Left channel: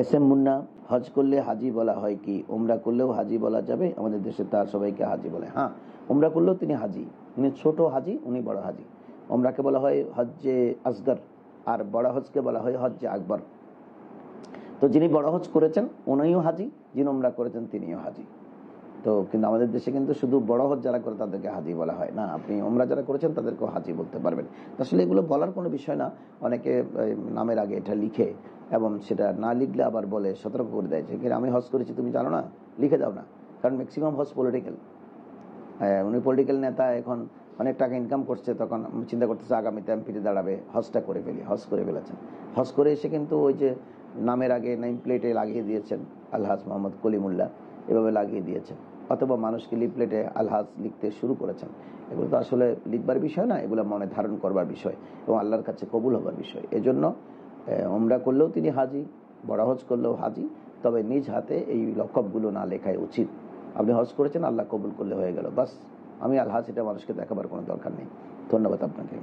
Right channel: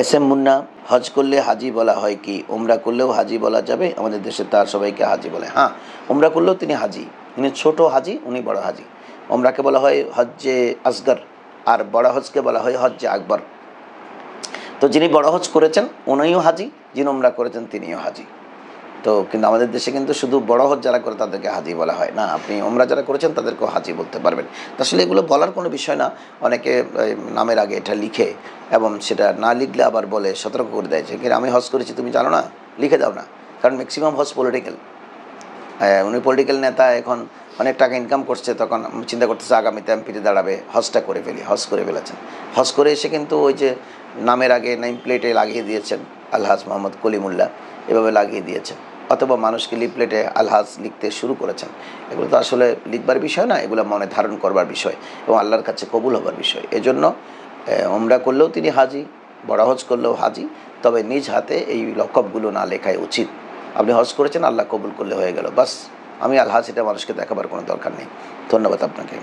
S M Munna, হজ করলে হাজি বলা হয় কি? উমরা করলেও হাজি বলা যাবে? আমাদের দেশে তার সবাইকে হাজি বলে। হ্যাঁ, উমরা করলেও তিনি হাজি। তিনি ছোট হাজি, উনি বড় হাজি। উমরাকে বলা হয় হজ্জে আসগর, আর বড় হজকে বলা হয় হজ্জে আকবর। তো যিনি বড় হজ করেছেন উনিও হাজি, যিনি উমরা করেছেন তিনিও হাজি। তো কিন্তু আমাদের দেশে কিন্তু শুধু বড় হজ যারা করে তাদেরকে হাজি বলা হয় না, আপনি উমরা যারা করেছেন তাদেরকেও হাজি বলতে পারবেন। তো আসলে এগুলো বলার কোনো বিষয় না। অনেকে নামের আগে এটা লিখে, এবং সেটা না লিখলে আবার বলে, সতর্ক করে দেয় যে আমি হজ করেছি তুমি জানো না, লিখে দাও না। কারণ ম্যাক্সিমাম হজ পলিটিক্যাল। উনি পলিটিক্যাল নেতা, এখন অনেক টাকা ইনকাম করছে, তখন চিন্তা করতেছে আগামীতে আমি ফিরে দাঁড়াবে, হজটা করে ফেলি। হজ করে ফেলেছেন। হজ করে এসে কিন্তু ওই যে নামের আগে নেম প্লেটে লাগিয়ে দিয়েছেন আলহাজ মোহাম্মদ কলিমুল্লাহ, এভাবে লাগিয়ে দিয়েছেন, অথবা মানুষকে লিফলেটে আলহাজ লিখতে শুরু করেছেন। এগুলো তো আসলে লিখবার বিষয় না, এগুলো মনে ধারণ করবার বিষয় এবং আল্লাহর কাছে কবুল হবার বিষয়। এজন্য উমরা করলেও তিনি হাজি, বড় হজ করলেও হাজি, তবে নিজ হাতে এই লকবগুলো না লেখাই উচিত। আপনি হজ করেছেন, আল্লাহ কবুল করলে হয়ে গেল, বাস। আমি আলহাজ এটা মানুষকে দেখাবার কোনো দরকার নেই। ধন্যবাদ আপনাকে।